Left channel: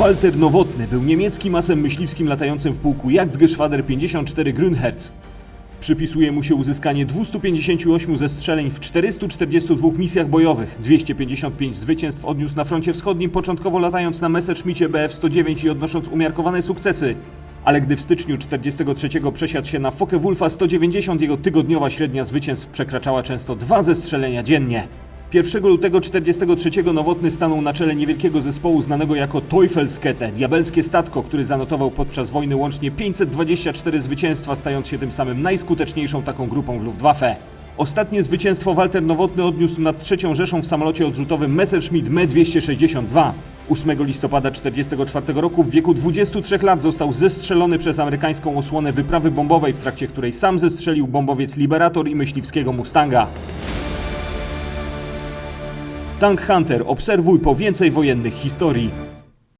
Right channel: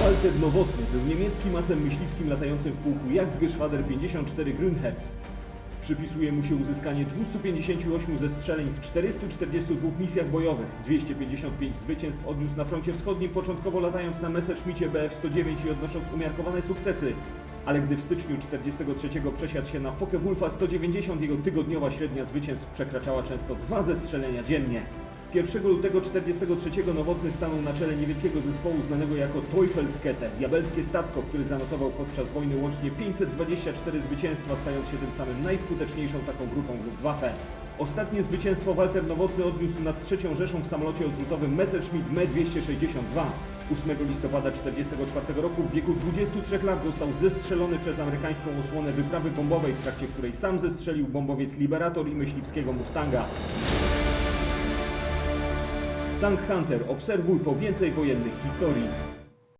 Walter Nowotny był niemieckim masem myśliwskim latającym w pułku Jagdgeschwader 54 Grünherz. Przypisuje mu się uzyskanie 258 zestrzeleń w 442 misjach bojowych. 255 zwycięstw odniósł na froncie wschodnim, początkowo latając na Messerschmittie Bf-109 i odnosząc umiarkowane sukcesy. Ale gdy w styczniu 43 przesiadł się na Focke-Wulfa 190, jego tygodniowa średnia zwycięstw przekraczała często dwa zestrzelenia dziennie. 1 lutego 43 Nowotny stanął na czele niewielkiego zespołu znanego jako Teufelskette, diabelskie statko, który zanotował podczas wojny łącznie 524 zwycięstwa, stając się tym samym najskuteczniejszą taką grupą w Luftwaffe. Ostatnie zwycięstwo Walter Nowotny odniósł nad trzecią Rzeszą w samolocie odrzutowym Messerschmitt Me-262. 8 listopada 1944 roku w wieku 23 lat został zestrzelony przez amerykańską osłonę wyprawy bombowej, w trakcie której sam zestrzelił bombowiec Liberator i myśliwskiego Mustanga. Tank Hunter, obserwuj po więcej wojennych historii.